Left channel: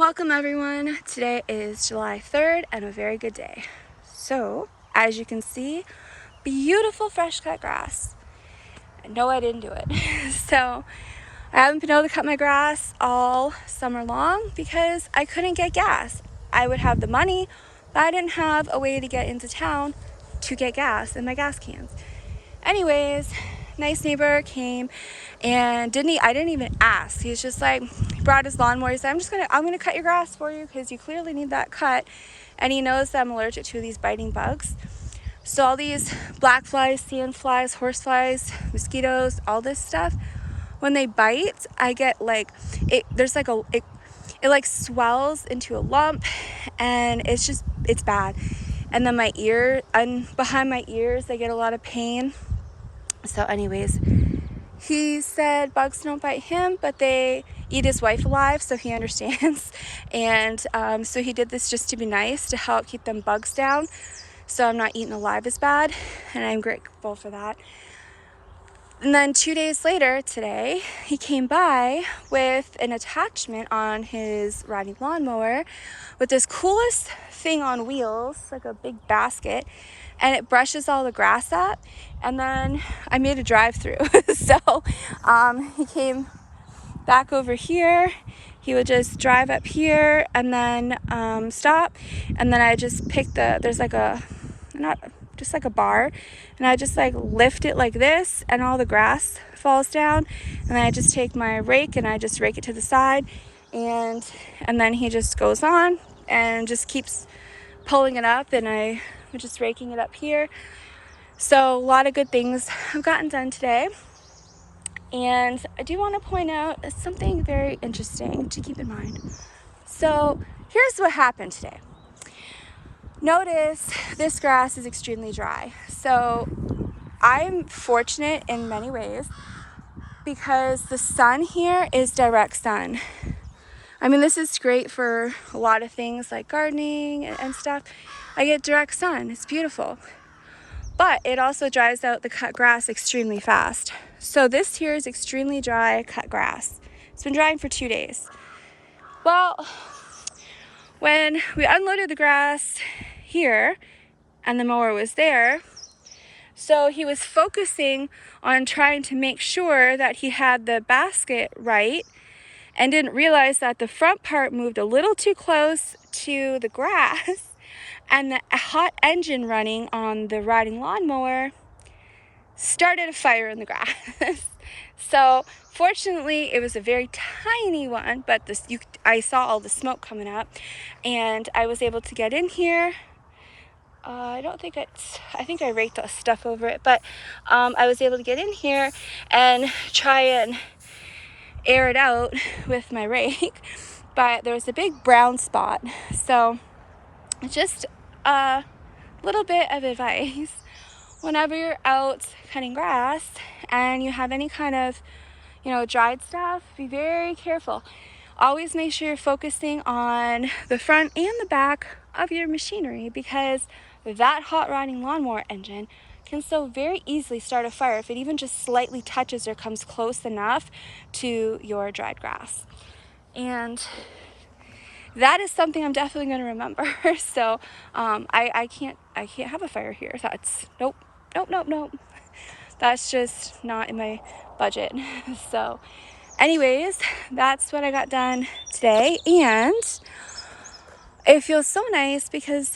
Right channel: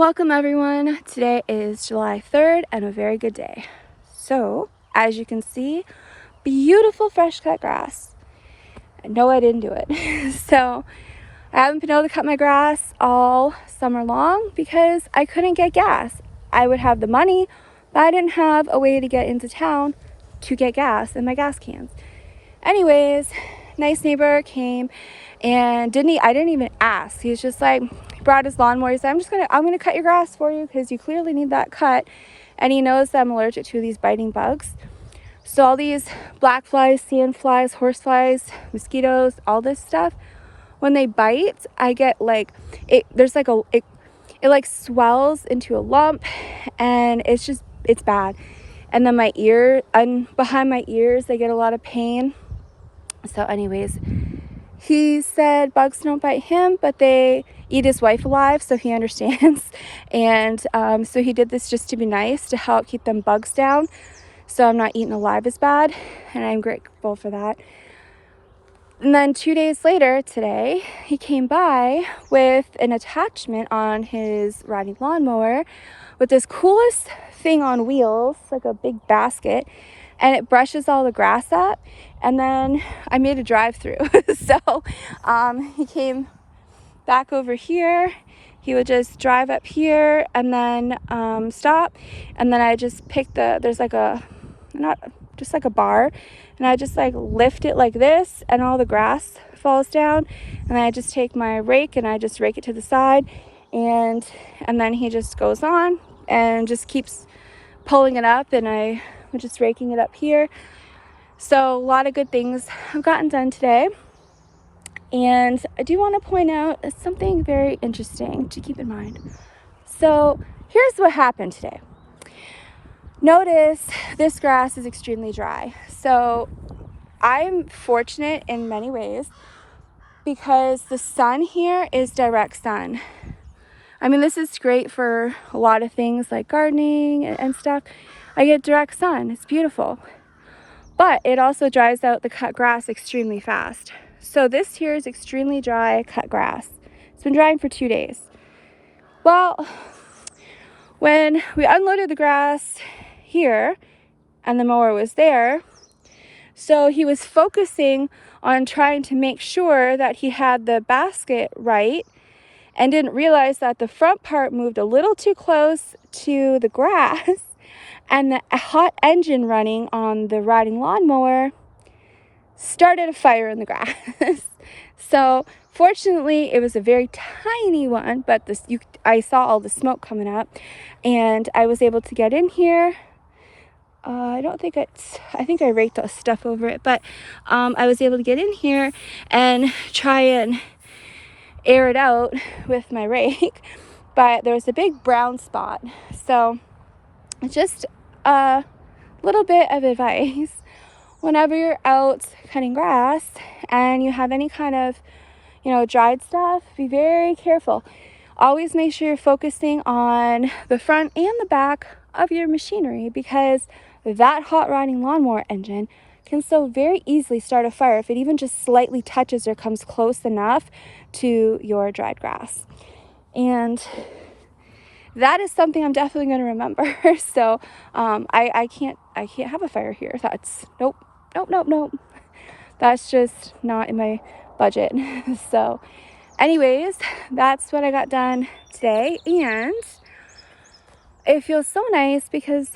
Welcome everyone. Today is July 3rd and a very good day. So, as you can see, beautiful fresh cut grass. No, I didn't do it. So, I haven't been able to cut my grass all summer long because I couldn't get gas. I would have the money, but I didn't have a way to get into town to get gas in my gas cans. Anyways, nice neighbor came and I didn't even ask. He's just like, brought his lawnmower. He said, I'm gonna cut your grass for you because you clearly need that cut. And he knows that I'm allergic to these biting bugs. So all these black flies, sand flies, horse flies, mosquitoes, all this stuff, when they bite, I get like, it like swells into a lump, and it's bad. And then my ear, and behind my ears, they get a lot of pain. So anyways, he said bugs don't bite him, but they eat his wife alive, so he understands. And so he did this just to be nice, to help keep them bugs down, so I'm not eaten alive as bad, and I'm grateful for that. And then 2 days later, today, he came by with an attachment on his riding lawnmower with this coolest thing on wheels, like a big basket, and it brushes all the grass up. And then I made a drive-through. So he came back over here. He would just drive up here and then stop. And then I just pick there's like a bar. And I just like lift it like this, and all the grass falls down. And then I just take my rake and I just rake it to the side. And then he just goes on and just keeps pulling it up, and I'm just raking it up here. So a lot of good things have gotten done today. And I do want to point out something very interesting to keep in mind. So here's what happened today. Notice this grass is extremely dry. So I'm fortunate in many ways because the sun here is direct sun. I mean, this is great for a lot of things like gardening and stuff. I get direct sun. It's beautiful. But it also dries out the cut grass extremely fast. So this here is extremely dry cut grass. It's been drying for 2 days. Well, when we unloaded the grass here and the mower was there, so he was focusing on trying to make sure that he had the basket right, and didn't realize that the front part moved a little too close to the grass. And the hot engine running on the riding lawnmower started a fire in the grass. So fortunately, it was a very tiny one, but I saw all the smoke coming up, and I was able to get in here. I think I raked the stuff over it, but I was able to get in here and try and air it out with my rake. But there was a big brown spot. So just a little bit of advice: whenever you're out cutting grass and you have any kind of dried stuff, be very careful. Always make sure you're focusing on the front and the back of your machinery, because that hot riding lawnmower engine can so very easily start a fire if it even just slightly touches or comes close enough to your dried grass. And that is something I'm definitely going to remember. So I can't have a fire here. That's nope. That's just not in my budget. So anyways, that's what I got done today, and it feels so nice because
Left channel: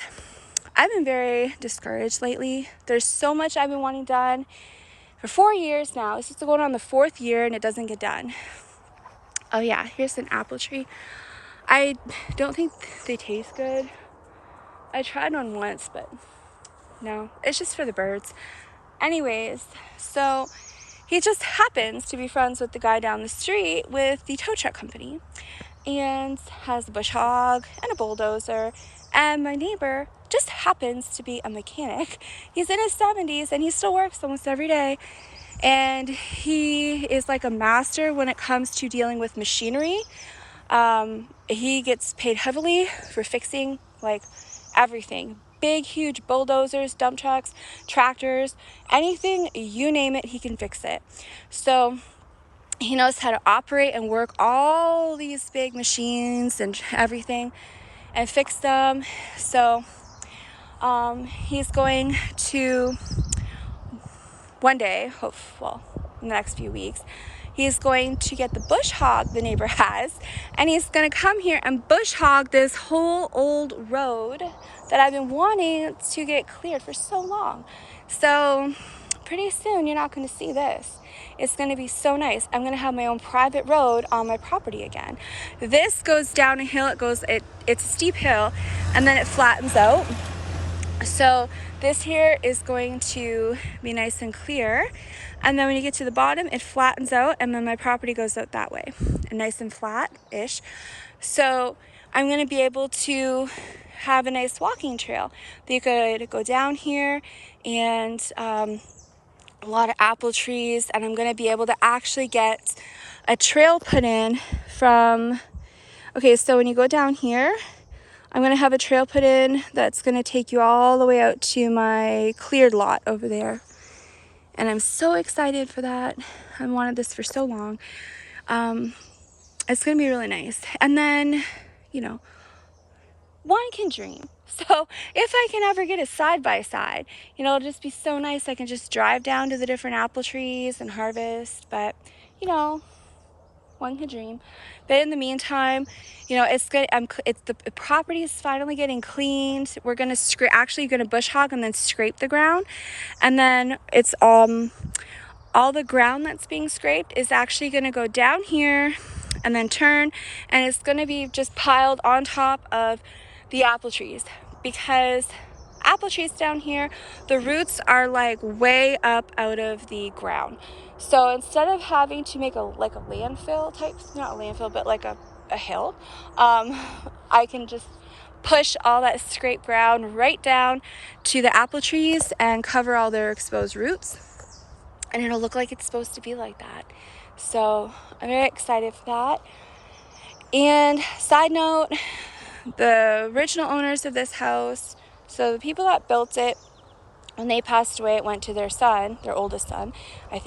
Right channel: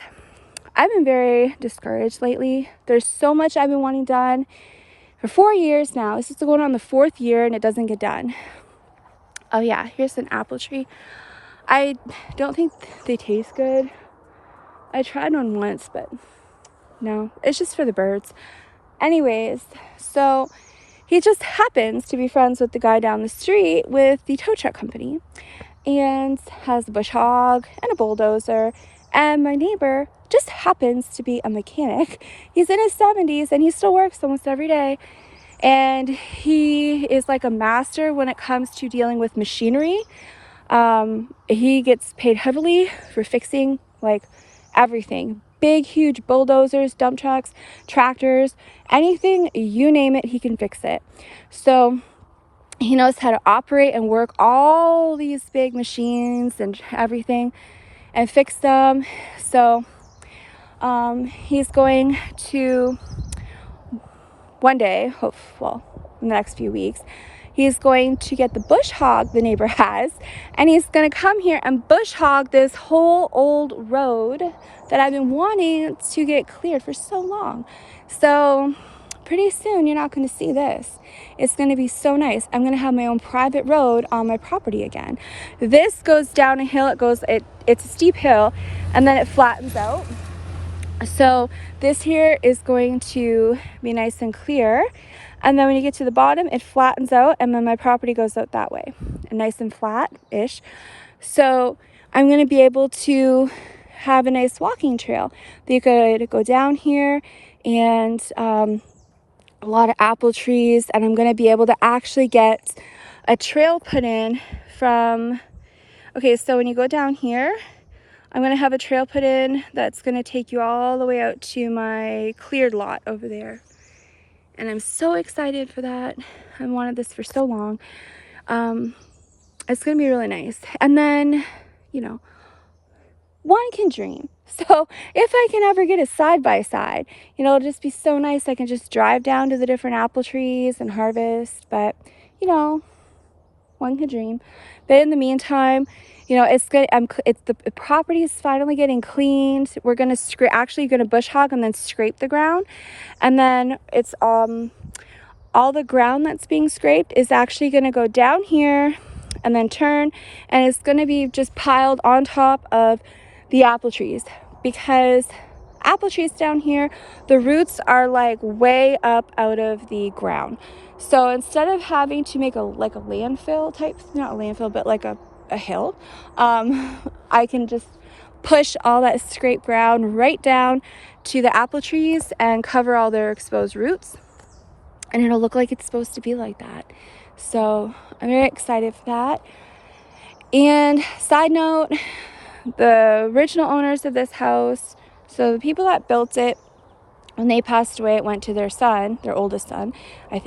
I've been very discouraged lately. There's so much I've been wanting done for 4 years now. This is going on the 4th year and it doesn't get done. Oh yeah, here's an apple tree. I don't think they taste good. I tried one once, but no, it's just for the birds. Anyways, so he just happens to be friends with the guy down the street with the tow truck company, and has a bush hog and a bulldozer. And my neighbor just happens to be a mechanic. He's in his 70s and he still works almost every day. And he is like a master when it comes to dealing with machinery. He gets paid heavily for fixing like everything. Big, huge bulldozers, dump trucks, tractors, anything, you name it, he can fix it. So He knows how to operate and work all these big machines and everything and fix them. So he's going to one day, well, in the next few weeks, he's going to get the bush hog the neighbor has, and he's going to come here and bush hog this whole old road that I've been wanting to get cleared for so long. So pretty soon you're not going to see this. It's going to be so nice. I'm going to have my own private road on my property again. This goes down a hill. It's a steep hill, and then it flattens out. So this here is going to be nice and clear, and then when you get to the bottom, it flattens out, and then my property goes out that way, and nice and flat-ish. So I'm going to be able to have a nice walking trail that you could go down here, and a lot of apple trees, and I'm going to be able to actually get a trail put in from, okay, so when you go down here, I'm going to have a trail put in that's going to take you all the way out to my cleared lot over there. And I'm so excited for that. I wanted this for so long. It's going to be really nice. And then, you know, one can dream. So if I can ever get a side-by-side, you know, it'll just be so nice. I can just drive down to the different apple trees and harvest. But, you know, one can dream. But in the meantime, you know, it's good. The property is finally getting cleaned. We're gonna actually gonna bush hog and then scrape the ground, and then it's all the ground that's being scraped is actually gonna go down here, and then turn, and it's gonna be just piled on top of the apple trees, because apple trees down here, the roots are like way up out of the ground. So instead of having to make a landfill type, not a landfill, but like a hill, I can just push all that scraped ground right down to the apple trees and cover all their exposed roots, and it'll look like it's supposed to be like that. So I'm very excited for that. And side note, the original owners of this house, so the people that built it, when they passed away, it went to their son, their oldest son, I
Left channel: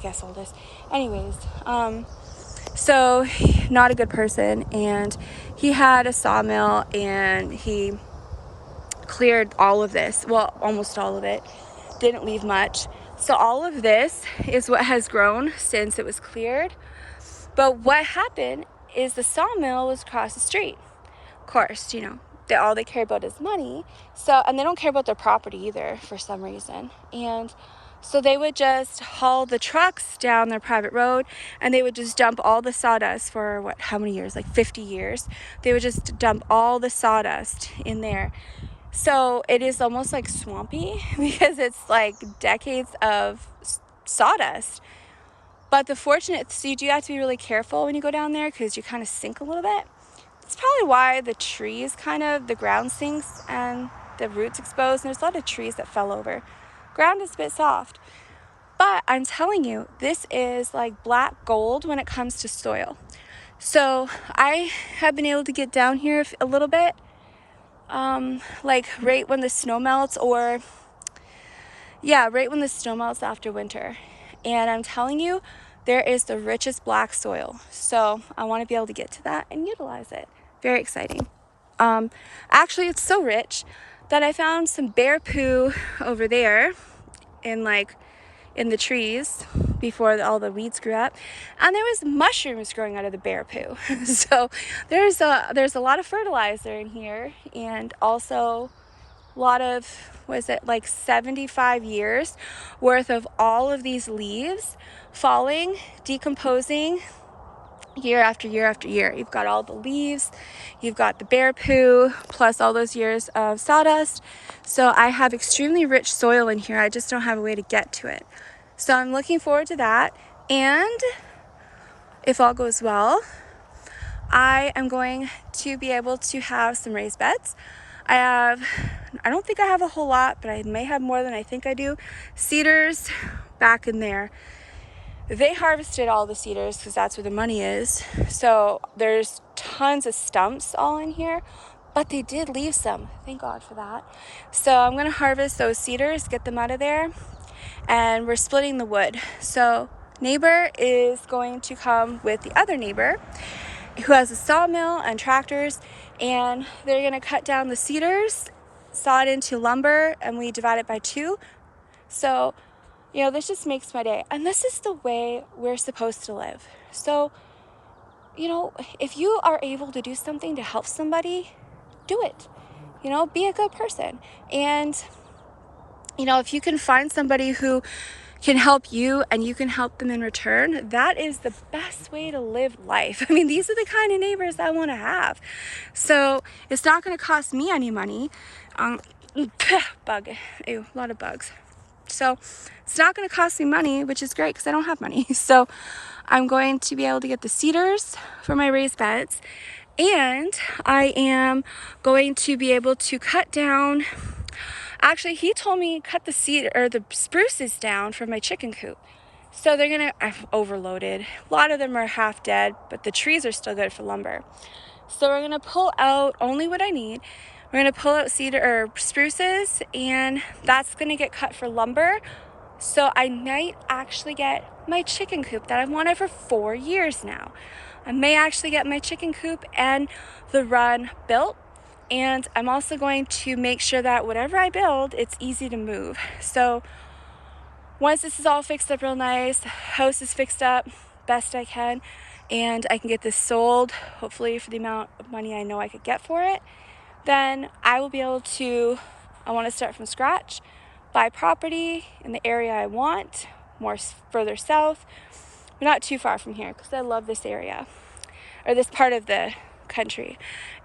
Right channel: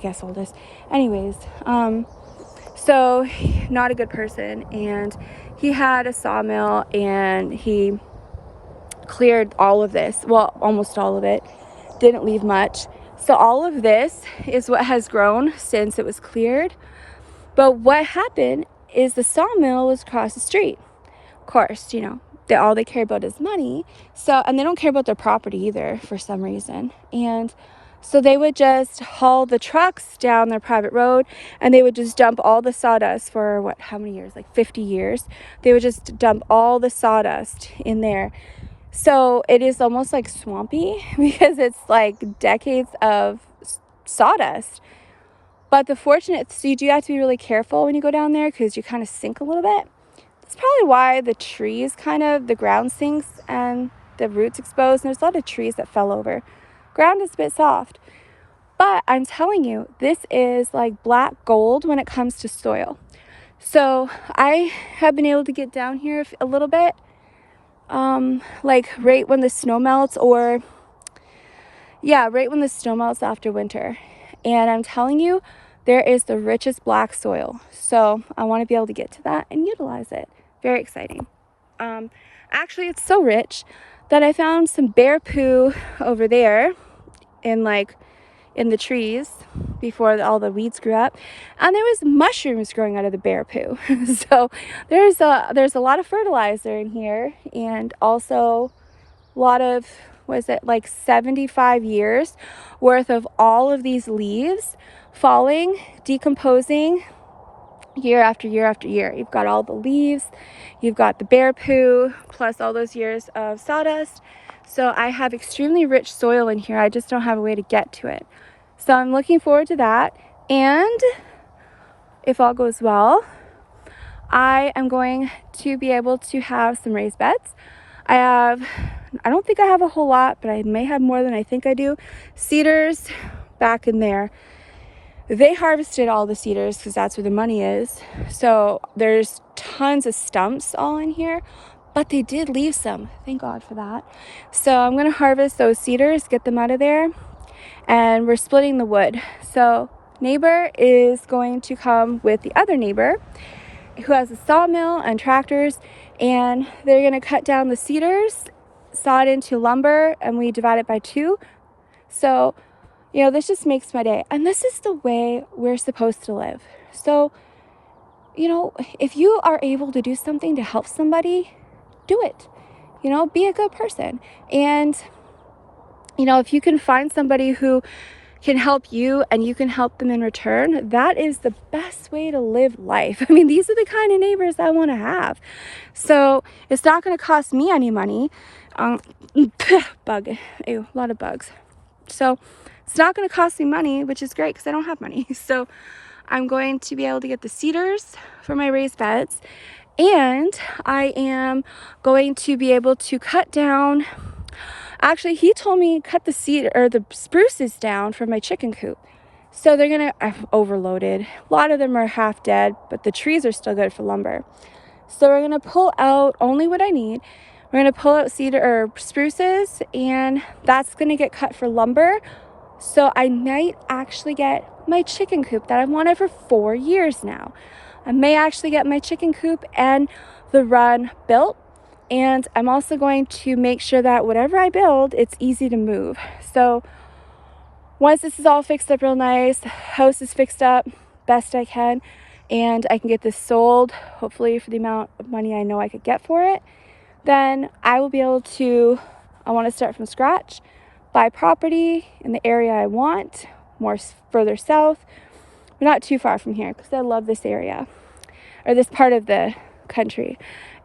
guess oldest. Anyways, so not a good person, and he had a sawmill, and he cleared all of this, well, almost all of it, didn't leave much. So all of this is what has grown since it was cleared. But what happened is the sawmill was across the street. Of course, you know, all they care about is money. So, and they don't care about their property either for some reason. And so they would just haul the trucks down their private road, and they would just dump all the sawdust for how many years? Like 50 years. They would just dump all the sawdust in there. So it is almost like swampy because it's like decades of sawdust. But so you do have to be really careful when you go down there, because you kind of sink a little bit. That's probably why the trees the ground sinks and the roots exposed. And there's a lot of trees that fell over. Ground is a bit soft. But I'm telling you, this is like black gold when it comes to soil. So I have been able to get down here a little bit, like right when the snow melts, right when the snow melts after winter. And I'm telling you, there is the richest black soil. So I want to be able to get to that and utilize it. Very exciting. Actually, it's so rich that I found some bear poo over there in the trees before all the weeds grew up, and there was mushrooms growing out of the bear poo. So there's a lot of fertilizer in here, and also a lot of, 75 years worth of all of these leaves falling, decomposing year after year after year. You've got all the leaves, you've got the bear poo, plus all those years of sawdust. So I have extremely rich soil in here. I just don't have a way to get to it. So I'm looking forward to that. And if all goes well, I am going to be able to have some raised beds. I don't think I have a whole lot, but I may have more than I think I do. Cedars back in there. They harvested all the cedars because that's where the money is. So there's tons of stumps all in here, but they did leave some. Thank God for that. So I'm going to harvest those cedars, get them out of there, and we're splitting the wood. So neighbor is going to come with the other neighbor who has a sawmill and tractors, and they're going to cut down the cedars, saw it into lumber, and we divide it by 2. So, you know, this just makes my day. And this is the way we're supposed to live. So, you know, if you are able to do something to help somebody, do it. You know, be a good person. And, you know, if you can find somebody who can help you and you can help them in return, that is the best way to live life. I mean, these are the kind of neighbors I want to have. So it's not going to cost me any money. Bug, ew, a lot of bugs. So it's not going to cost me money, which is great because I don't have money. So I'm going to be able to get the cedars for my raised beds, and I am going to be able to cut down. Actually, he told me cut the cedar or the spruces down for my chicken coop. So they're gonna, I've overloaded. A lot of them are half dead, but the trees are still good for lumber. So we're gonna pull out only what I need. We're gonna pull out cedar or spruces, and that's gonna get cut for lumber. So I might actually get my chicken coop that I've wanted for 4 years now. I may actually get my chicken coop and the run built. And I'm also going to make sure that whatever I build, it's easy to move. So once this is all fixed up real nice, house is fixed up best I can, and I can get this sold, hopefully for the amount of money I know I could get for it, then I will be able to, I want to start from scratch, buy property in the area I want, further south, but not too far from here because I love this area, or this part of the country.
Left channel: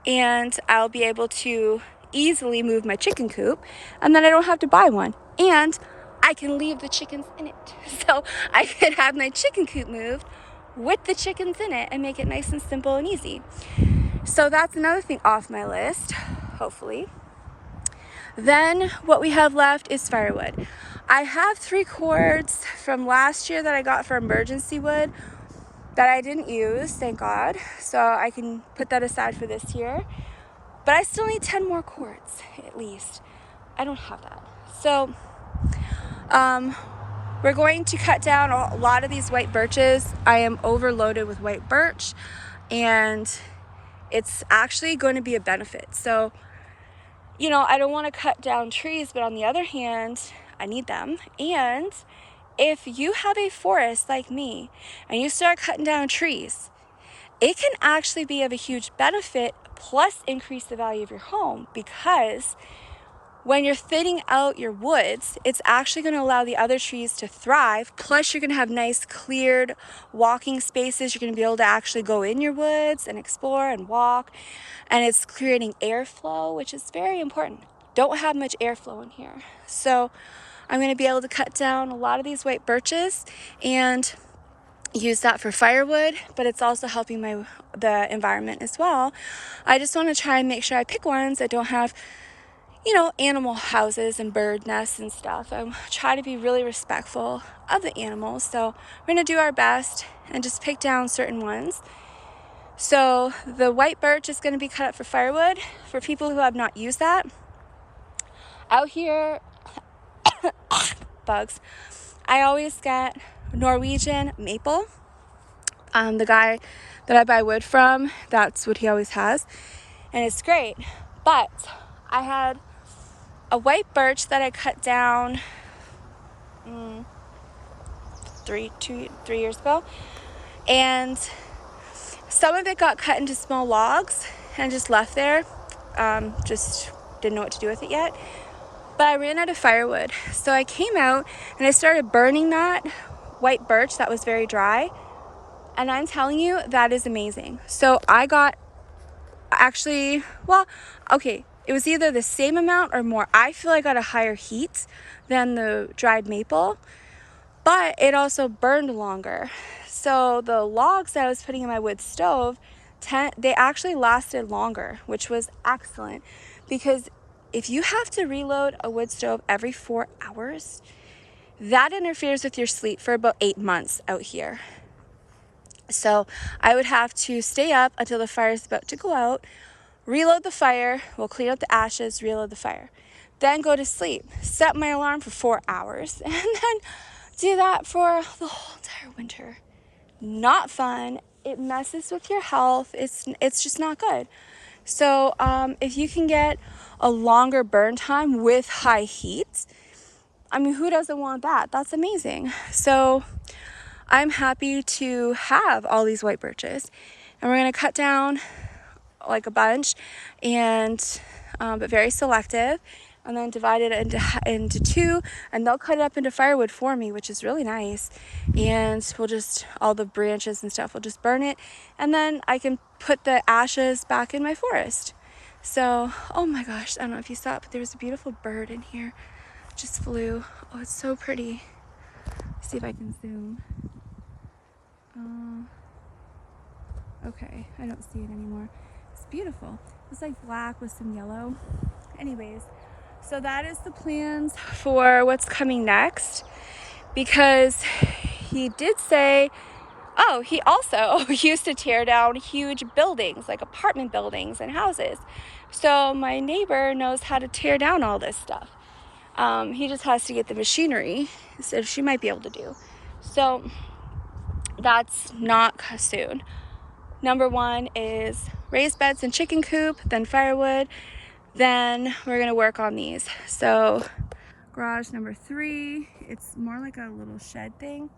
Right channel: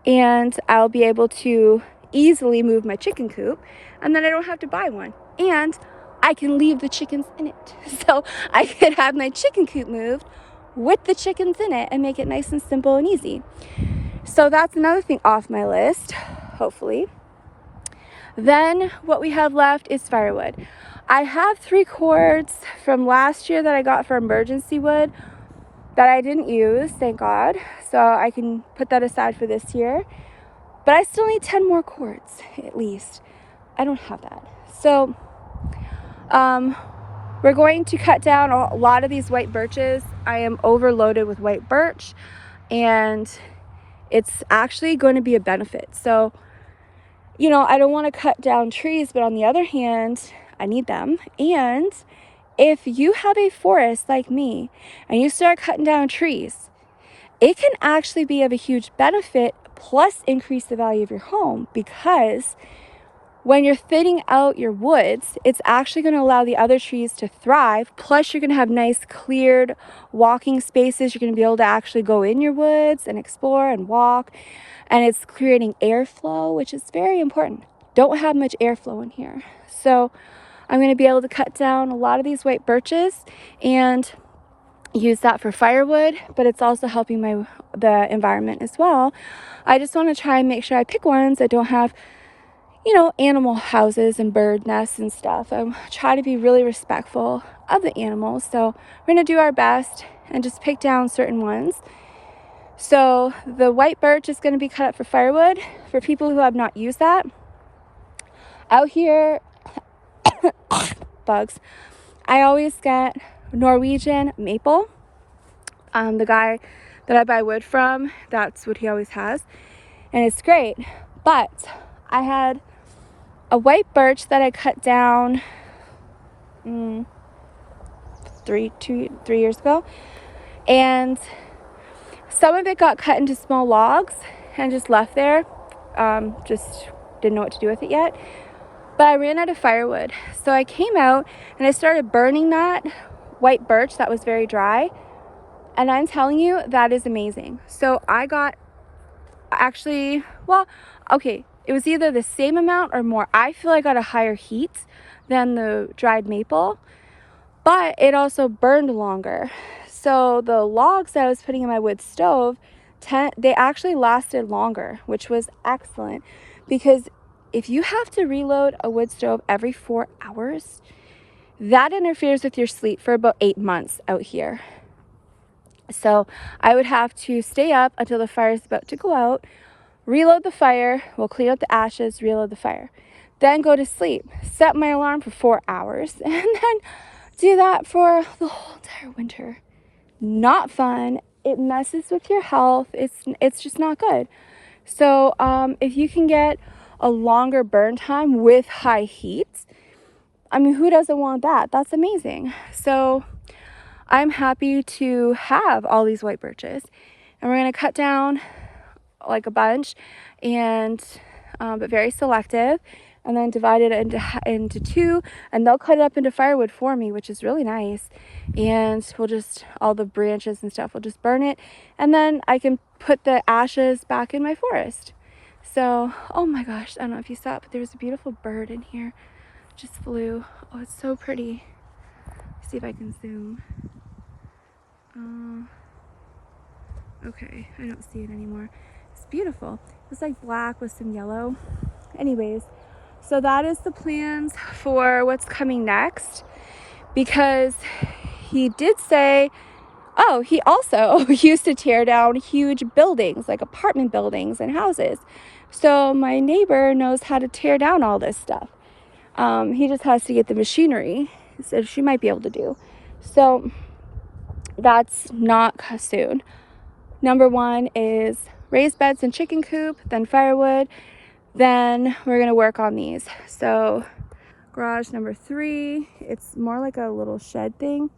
And I'll be able to easily move my chicken coop, and then I don't have to buy one. And I can leave the chickens in it. So I could have my chicken coop moved with the chickens in it and make it nice and simple and easy. So that's another thing off my list, hopefully. Then what we have left is firewood. I have 3 cords from last year that I got for emergency wood that I didn't use, thank God. So I can put that aside for this year. But I still need 10 more cords, at least. I don't have that. So we're going to cut down a lot of these white birches. I am overloaded with white birch, and it's actually going to be a benefit. So, you know, I don't want to cut down trees, but on the other hand, I need them. And if you have a forest like me and you start cutting down trees, it can actually be of a huge benefit, plus increase the value of your home, because when you're thinning out your woods, it's actually going to allow the other trees to thrive. Plus you're going to have nice cleared walking spaces. You're going to be able to actually go in your woods and explore and walk. And it's creating airflow, which is very important. Don't have much airflow in here. So I'm going to be able to cut down a lot of these white birches and use that for firewood, but it's also helping the environment as well. I just want to try and make sure I pick ones that don't have, you know, animal houses and bird nests and stuff. I try to be really respectful of the animals. So we're going to do our best and just pick down certain ones. So the white birch is going to be cut up for firewood. For people who have not used that, out here, bugs, I always get Norwegian maple. The guy that I buy wood from, that's what he always has, and it's great. But I had a white birch that I cut down 3 years ago, and some of it got cut into small logs and just left there. Just didn't know what to do with it yet. But I ran out of firewood. So I came out and I started burning that white birch that was very dry. And I'm telling you, that is amazing. So I got it was either the same amount or more. I feel I got a higher heat than the dried maple, but it also burned longer. So the logs that I was putting in my wood stove, they actually lasted longer, which was excellent, because if you have to reload a wood stove every 4 hours, that interferes with your sleep for about 8 months out here. So I would have to stay up until the fire is about to go out, reload the fire, we'll clean up the ashes, reload the fire, then go to sleep, set my alarm for 4 hours, and then do that for the whole entire winter. Not fun. It messes with your health. It's just not good. So if you can get a longer burn time with high heat, I mean, who doesn't want that? That's amazing. So I'm happy to have all these white birches, and we're going to cut down like a bunch, and but very selective, and then divide it into two, and they'll cut it up into firewood for me, which is really nice. And we'll just, all the branches and stuff, we'll just burn it, and then I can put the ashes back in my forest. So, oh my gosh, I don't know if you saw it, but there was a beautiful bird in here. It just flew. Oh, it's so pretty. Let's see if I can zoom. Okay, I don't see it anymore. It's beautiful. It's like black with some yellow. Anyways, so that is the plans for what's coming next, because he did say, oh, he also used to tear down huge buildings, like apartment buildings and houses. So my neighbor knows how to tear down all this stuff. He just has to get the machinery, so she might be able to do. So that's not soon. Number one is raised beds and chicken coop, then firewood, then we're gonna work on these. So garage number 3, it's more like a little shed thing.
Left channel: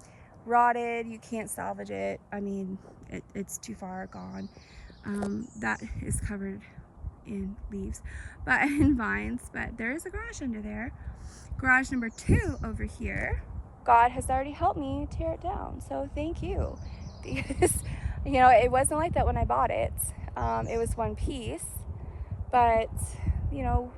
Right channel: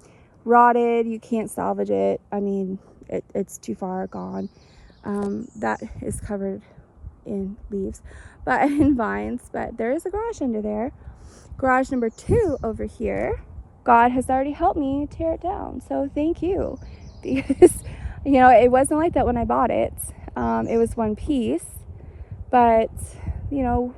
Rotted, you can't salvage it. I mean, it's too far gone. That is covered in leaves, but in vines, but there is a garage under there. Garage number 2 over here, God has already helped me tear it down, so thank you. Because, you know, it wasn't like that when I bought it. It was one piece, but, you know,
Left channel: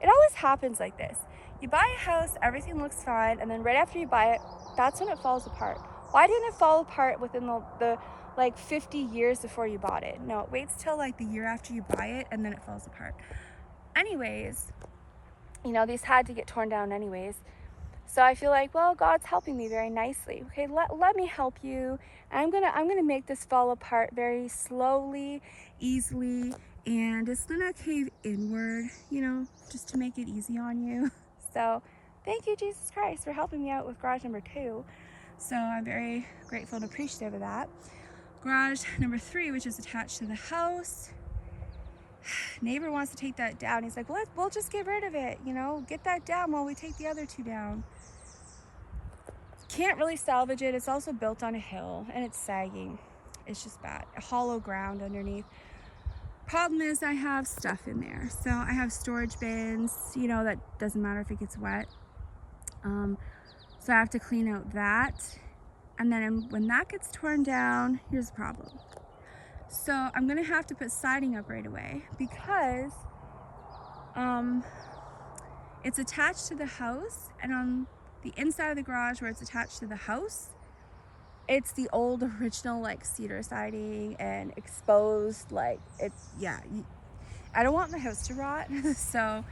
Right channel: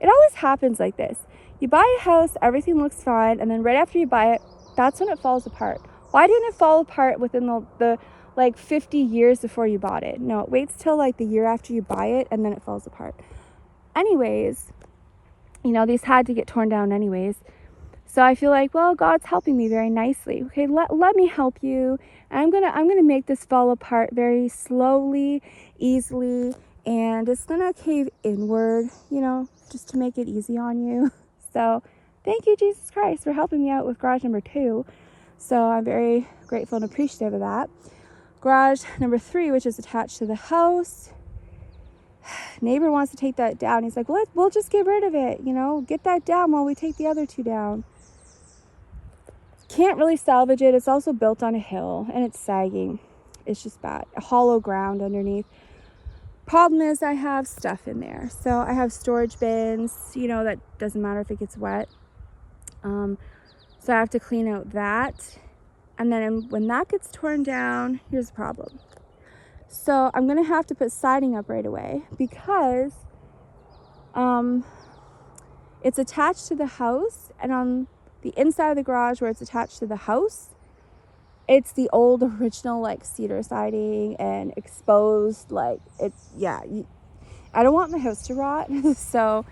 it always happens like this. You buy a house, everything looks fine, and then right after you buy it, that's when it falls apart. Why didn't it fall apart within the like 50 years before you bought it? No, it waits till like the year after you buy it, and then it falls apart. Anyways, you know, these had to get torn down anyways. So I feel like, well, God's helping me very nicely. Okay, let me help you. And I'm gonna make this fall apart very slowly, easily, and it's gonna cave inward, you know, just to make it easy on you. So thank you, Jesus Christ, for helping me out with garage number 2. So I'm very grateful and appreciative of that. Garage number 3, which is attached to the house. Neighbor wants to take that down. He's like, well, we'll just get rid of it, you know, get that down while we take the other 2 down. Can't really salvage it. It's also built on a hill and it's sagging. It's just bad. A hollow ground underneath. Problem is I have stuff in there. So I have storage bins, you know, that doesn't matter if it gets wet. So I have to clean out that. And then when that gets torn down, here's the problem. So I'm gonna have to put siding up right away, because it's attached to the house, and on the inside of the garage where it's attached to the house, it's the old original like cedar siding and exposed, like it's, yeah, I don't want my house to rot. So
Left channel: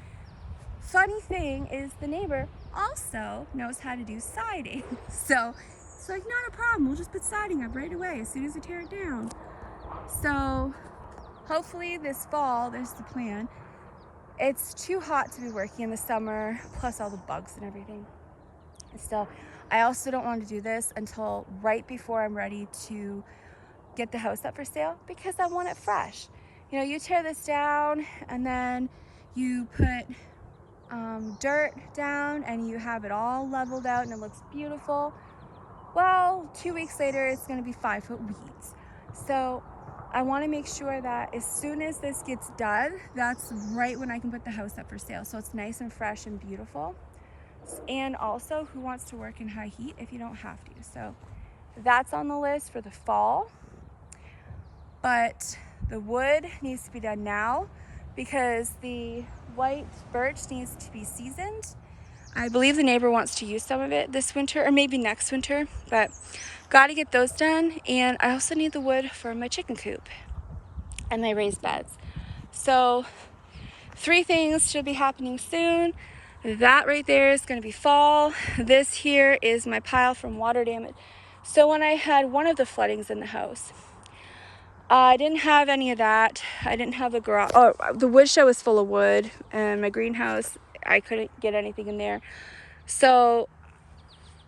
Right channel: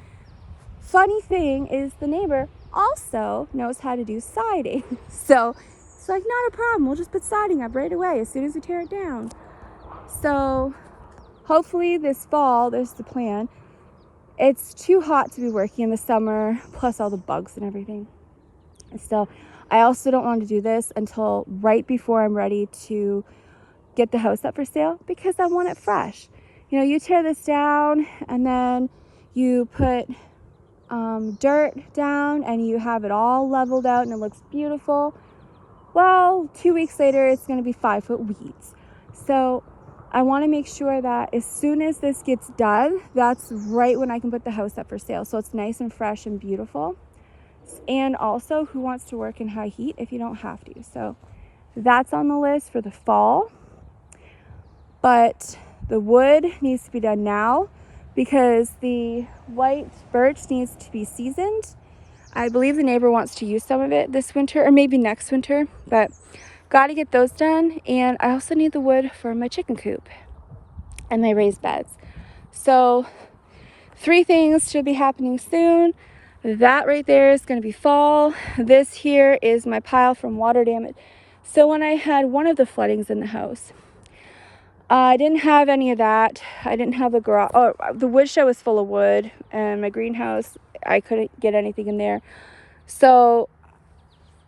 funny thing is the neighbor also knows how to do siding. So it's like, not a problem, we'll just put siding up right away as soon as we tear it down. So hopefully this fall, there's the plan. It's too hot to be working in the summer, plus all the bugs and everything. So I also don't want to do this until right before I'm ready to get the house up for sale, because I want it fresh. You know, you tear this down and then you put dirt down and you have it all leveled out and it looks beautiful. Well, 2 weeks later, it's going to be 5-foot weeds. So I want to make sure that as soon as this gets done, that's right when I can put the house up for sale. So it's nice and fresh and beautiful. And also, who wants to work in high heat if you don't have to? So that's on the list for the fall. But the wood needs to be done now, because the white birch needs to be seasoned. I believe the neighbor wants to use some of it this winter, or maybe next winter, but got to get those done. And I also need the wood for my chicken coop and my raised beds. So 3 things should be happening soon. That right there is going to be fall. This here is my pile from water damage. So when I had one of the floodings in the house, I didn't have any of that. I didn't have a garage. Oh, the woodshed was full of wood, and my greenhouse, I couldn't get anything in there. So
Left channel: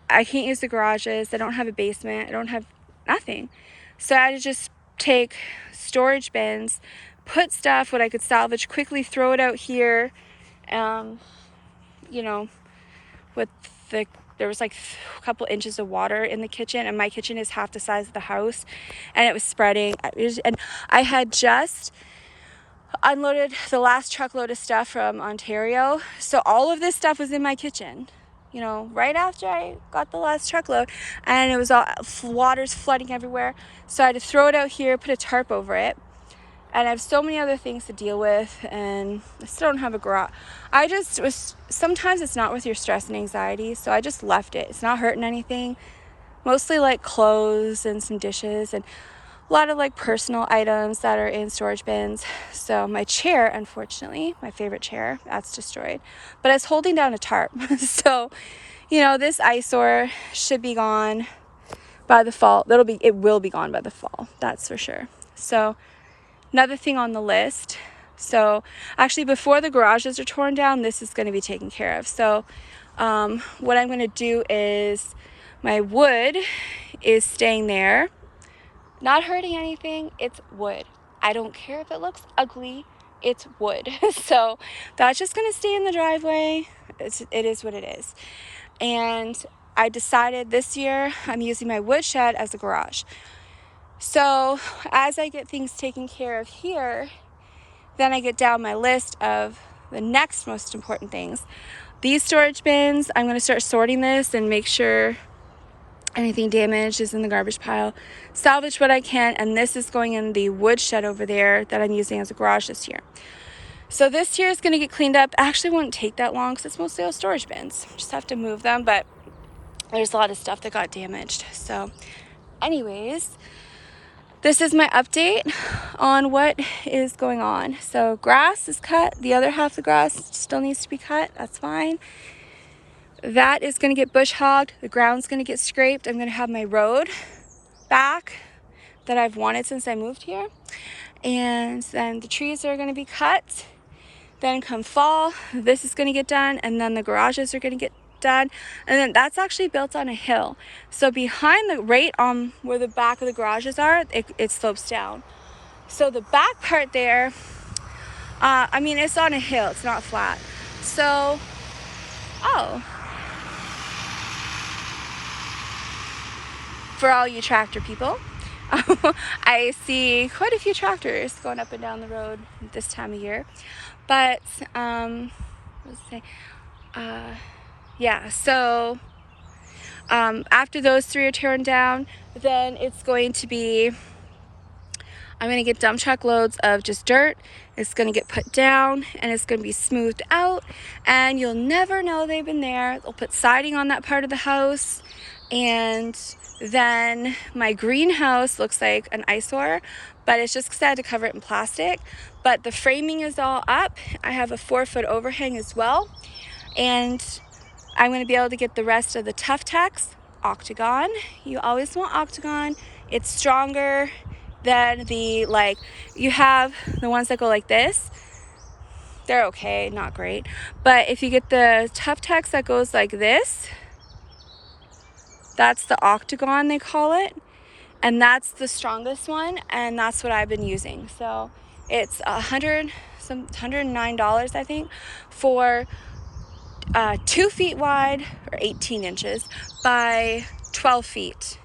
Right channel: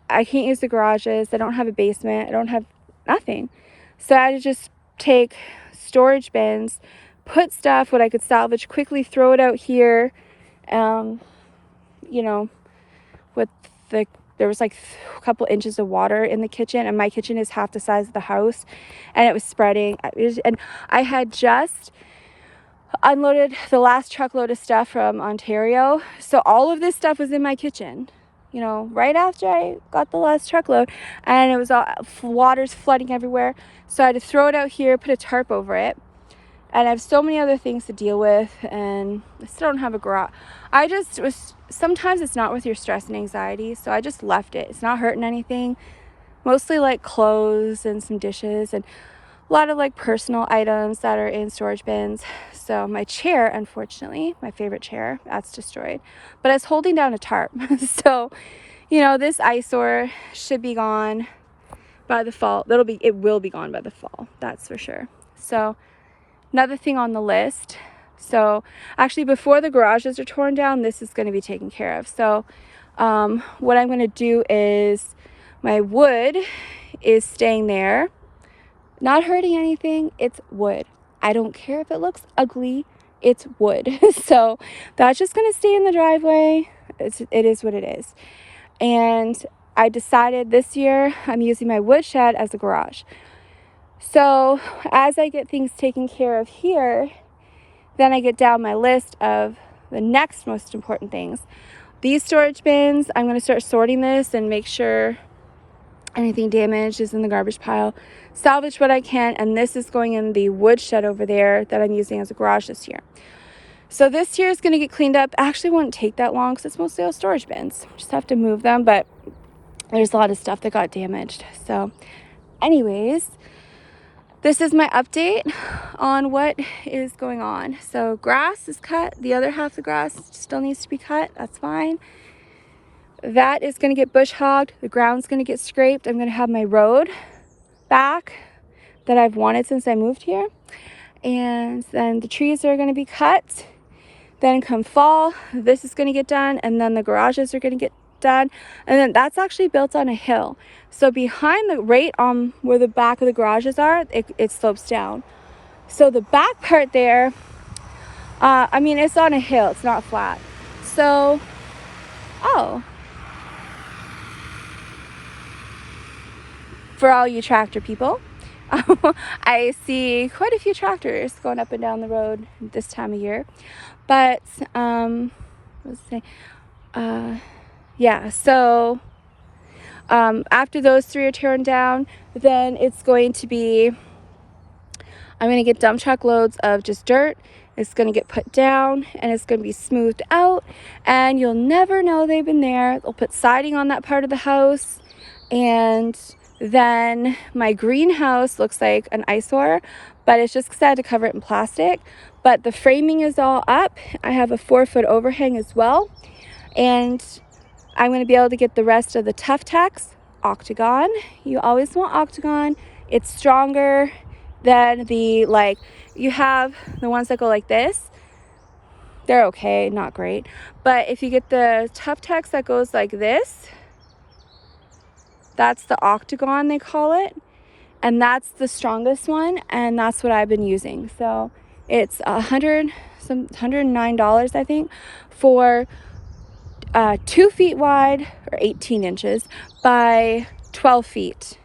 I can't use the garages. I don't have a basement. I don't have nothing. So I had to just take storage bins, put stuff, what I could salvage, quickly throw it out here. You know, with there was like a couple inches of water in the kitchen, and my kitchen is half the size of the house, and it was spreading. And I had just unloaded the last truckload of stuff from Ontario, so all of this stuff was in my kitchen, you know, right after I got the last truckload, and it was all water's flooding everywhere. So I had to throw it out here, put a tarp over it, and I have so many other things to deal with, and I still don't have a garage. I just was, sometimes it's not worth your stress and anxiety, so I just left it. It's not hurting anything. Mostly like clothes and some dishes and a lot of like personal items that are in storage bins. So my chair, unfortunately, my favorite chair, that's destroyed. But I was holding down a tarp. So, you know, this eyesore should be gone by the fall. It will be gone by the fall, that's for sure. So another thing on the list. So actually, before the garages are torn down, this is going to be taken care of. So what I'm going to do is, my wood is staying there, not hurting anything. It's wood. I don't care if it looks ugly. It's wood. So that's just going to stay in the driveway. It is what it is. And I decided this year I'm using my wood shed as a garage. So as I get things taken care of here, then I get down my list of the next most important things. These storage bins, I'm going to start sorting this and make sure anything damaged is in the garbage pile. Salvage what I can, and this is going in the wood shed over there that I'm using as a garage this year. So this year is going to get cleaned up. Actually, won't take that long because it's mostly all storage bins. Just have to move them, but there's a lot of stuff that got damaged. So anyways, this is my update on what is going on. So grass is cut. The other half of the grass still needs to be cut. That's fine. That is going to get bush hogged. The ground's going to get scraped. I'm going to have my road back that I've wanted since I moved here. And then the trees are going to be cut. Then come fall, this is going to get done. And then the garages are going to get done. And then that's actually built on a hill. So behind the, right on where the back of the garages are, it slopes down. So the back part there, I mean, it's on a hill. It's not flat. So, for all you tractor people, I see quite a few tractors going up and down the road this time of year. But, yeah, so after those three are torn down, then it's going to be, I'm going to get dump truck loads of just dirt. It's going to get put down and it's going to be smoothed out, and you'll never know they've been there. They'll put siding on that part of the house, and then my greenhouse looks like an eyesore, but it's just because I had to cover it in plastic. But the framing is all up. I have a 4-foot overhang as well, and I'm going to be able to get the rest of the Tough Tex octagon. You always want octagon. It's stronger than the, like, you have the ones that go like this. They're okay, not great. But if you get the Tough Tex that goes like this, that's the octagon, they call it. And that's the strongest one, and that's what I've been using. So it's $109, I think, for 2 feet wide, or 18 inches by 12 feet.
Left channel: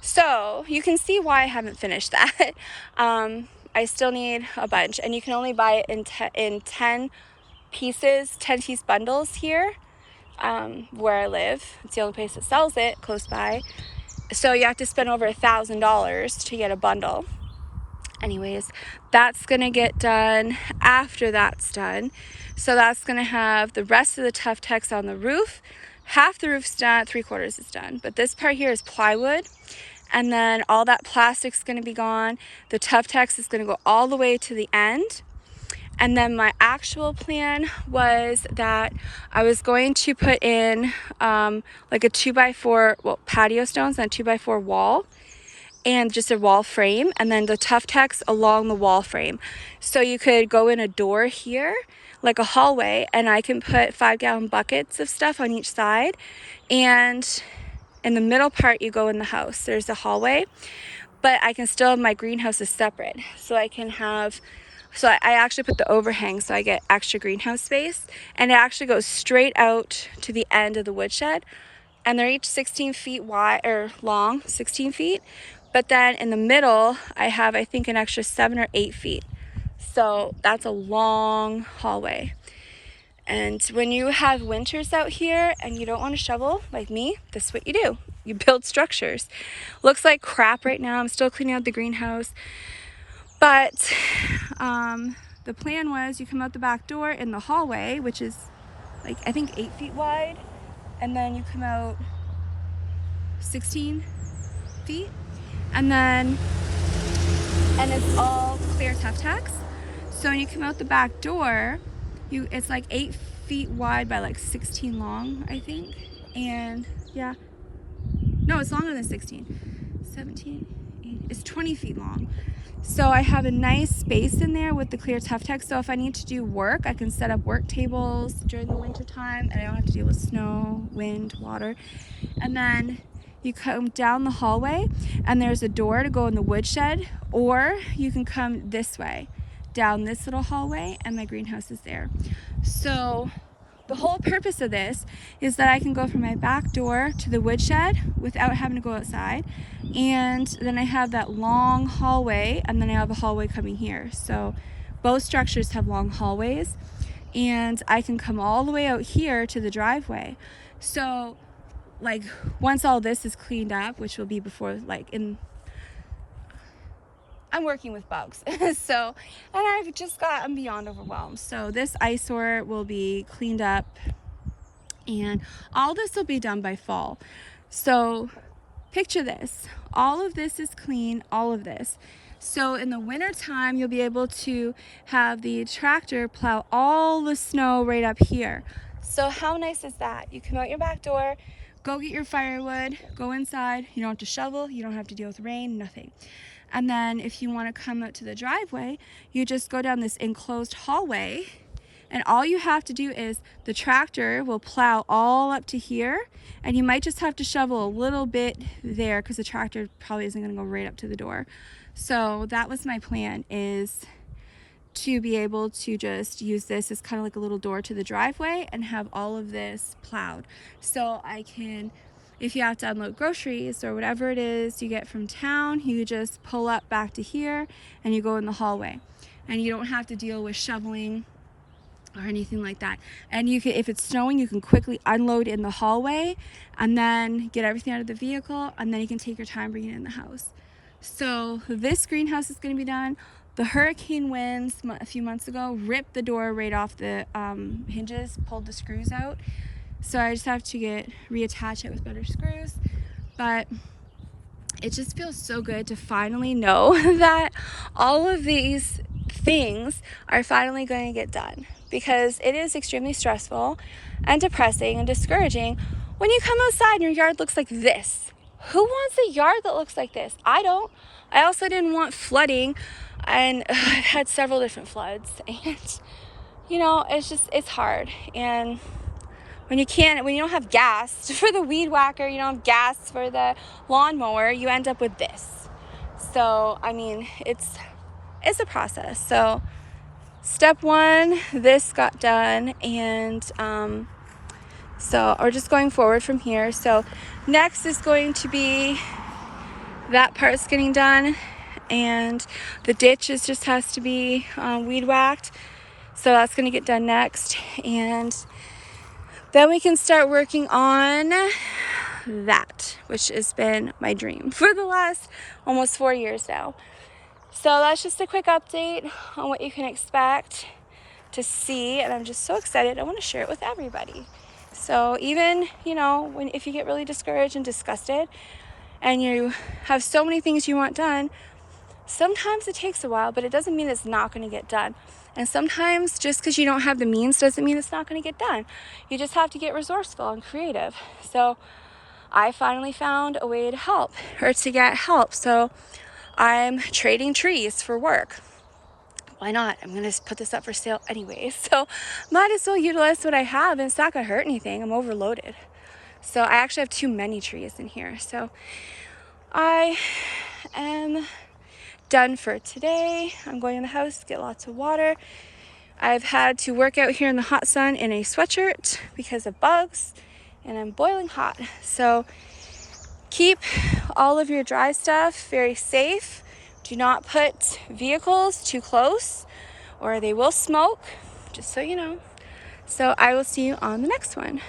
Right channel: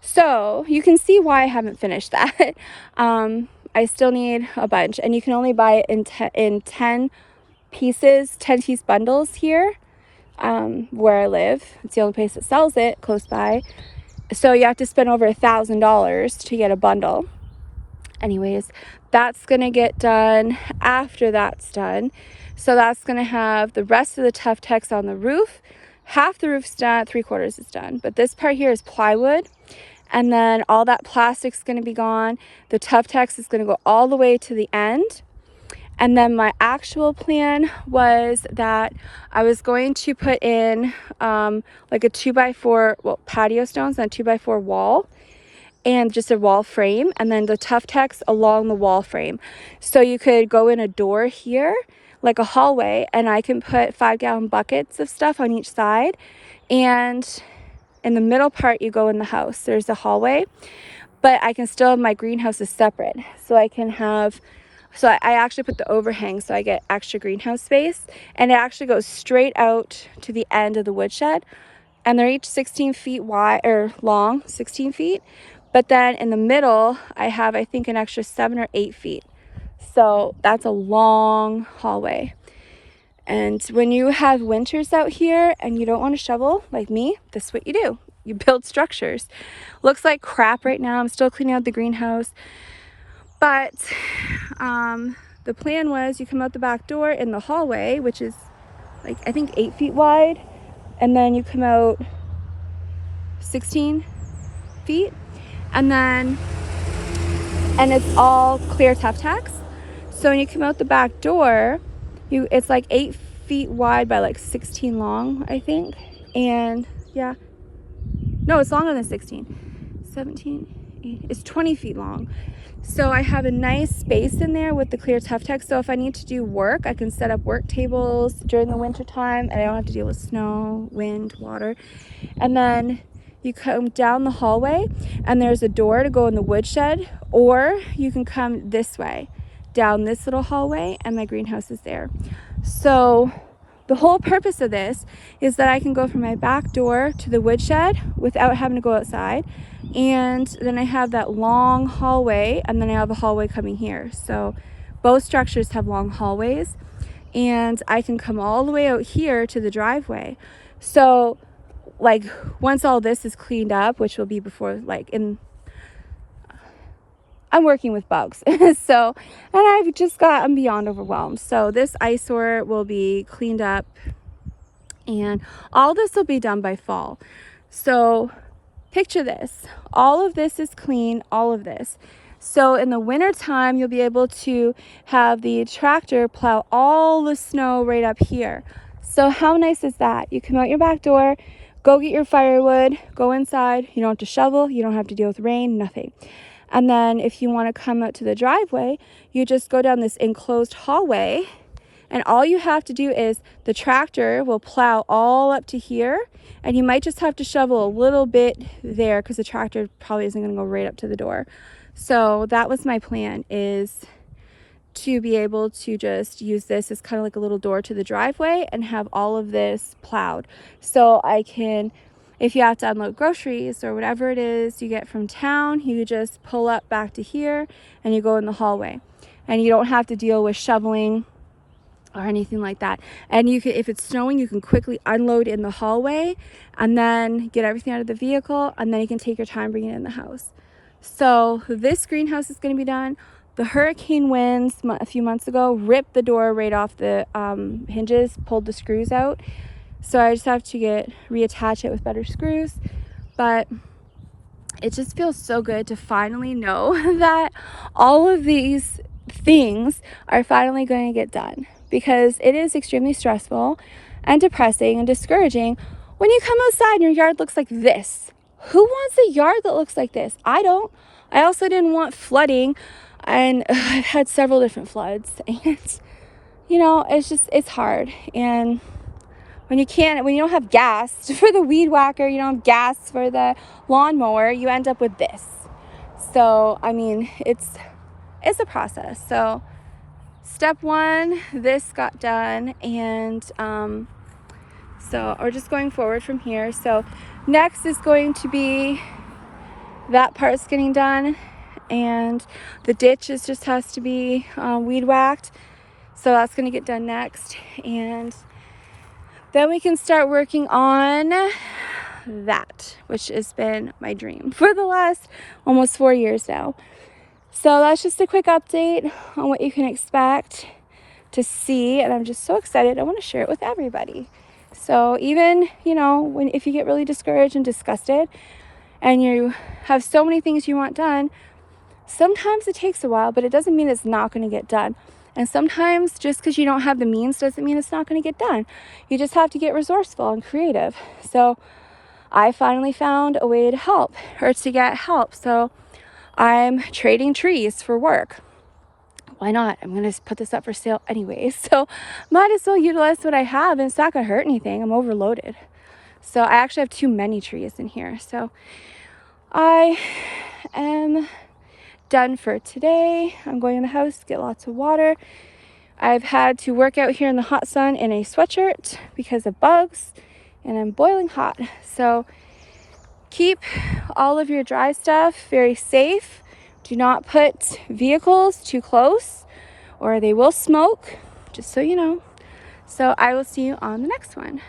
So you can see why I haven't finished that. I still need a bunch, and you can only buy it in 10 pieces, 10-piece bundles here where I live. It's the only place that sells it close by. So you have to spend over $1,000 to get a bundle. Anyways, that's gonna get done after that's done. So that's gonna have the rest of the Tough Tex on the roof. Half the roof's done, 3/4 is done. But this part here is plywood. And then all that plastic's gonna be gone. The Tough Tex is gonna go all the way to the end. And then my actual plan was that I was going to put in like a 2x4, well, patio stones and a 2x4 wall, and just a wall frame, and then the Tough Tex along the wall frame. So you could go in a door here, like a hallway, and I can put 5-gallon buckets of stuff on each side, And in the middle part, you go in the house. There's a hallway, but I can still have my greenhouses separate. So I can have, so I actually put the overhang so I get extra greenhouse space. And it actually goes straight out to the end of the woodshed. And they're each 16 feet wide, or long, 16 feet. But then in the middle, I have, I think, an extra 7 or 8 feet. So that's a long hallway. And when you have winters out here and you don't want to shovel like me, this is what you do. You build structures. Looks like crap right now. I'm still cleaning out the greenhouse. But the plan was you come out the back door in the hallway, which is like, I think 8 feet wide. And then you come out 16 feet. And it's all clear tough tacks. So when you come out the back door, it's like 8 feet wide by like 16 long, I think. And yeah, no, it's longer than 16. 17, 8, it's 20 feet long. So I have a nice space in there with the clear tough tack. So if I need to do work, I can set up work tables during the winter time and I don't have to deal with snow, wind, water. And then you come down the hallway and there's a door to go in the woodshed, or you can come this way down this little hallway and my greenhouse is there. So the whole purpose of this is that I can go from my back door to the woodshed without having to go outside. And then I have that long hallway, and then I have a hallway coming here. So both structures have long hallways, and I can come all the way out here to the driveway. So like once all this is cleaned up, which will be before, like I'm working with bugs. So, and I'm beyond overwhelmed. So this eyesore will be cleaned up and all this will be done by fall. So picture this, all of this is clean, all of this. So in the winter time, you'll be able to have the tractor plow all the snow right up here. So how nice is that? You come out your back door, go get your firewood, go inside. You don't have to shovel, you don't have to deal with rain, nothing. And then if you want to come out to the driveway, you just go down this enclosed hallway, and all you have to do is the tractor will plow all up to here, and you might just have to shovel a little bit there because the tractor probably isn't going to go right up to the door. So that was my plan, is to be able to just use this as kind of like a little door to the driveway and have all of this plowed. So I can, if you have to unload groceries or whatever it is you get from town, you just pull up back to here and you go in the hallway. And you don't have to deal with shoveling or anything like that. And you can, if it's snowing, you can quickly unload in the hallway and then get everything out of the vehicle, and then you can take your time bringing it in the house. So this greenhouse is going to be done. The hurricane winds a few months ago ripped the door right off the hinges, pulled the screws out. So I just have to reattach it with better screws. But it just feels so good to finally know that all of these things are finally going to get done, because it is extremely stressful and depressing and discouraging when you come outside and your yard looks like this. Who wants a yard that looks like this? I don't. I also didn't want flooding, and I've had several different floods, and you know, it's hard. And when you don't have gas for the weed whacker, you don't have gas for the lawnmower, you end up with this. So I mean, it's a process. So step one, this got done, and so we're just going forward from here. So next is going to be that part's getting done, and the ditch just has to be weed whacked. So that's going to get done next, and then we can start working on that, which has been my dream for the last almost 4 years now. So that's just a quick update on what you can expect to see, and I'm just so excited. I want to share it with everybody. So even, you know, if you get really discouraged and disgusted and you have so many things you want done, sometimes it takes a while, but it doesn't mean it's not going to get done. And sometimes just because you don't have the means doesn't mean it's not going to get done. You just have to get resourceful and creative. So I finally found a way to help, or to get help. So I'm trading trees for work. Why not? I'm going to put this up for sale anyway. So might as well utilize what I have, and it's not going to hurt anything. I'm overloaded. So I actually have too many trees in here. So I am done for today. I'm going in the house, get lots of water. I've had to work out here in the hot sun in a sweatshirt because of bugs, and I'm boiling hot. So keep all of your dry stuff very safe. Do not put vehicles too close or they will smoke, just so you know. So I will see you on the next one.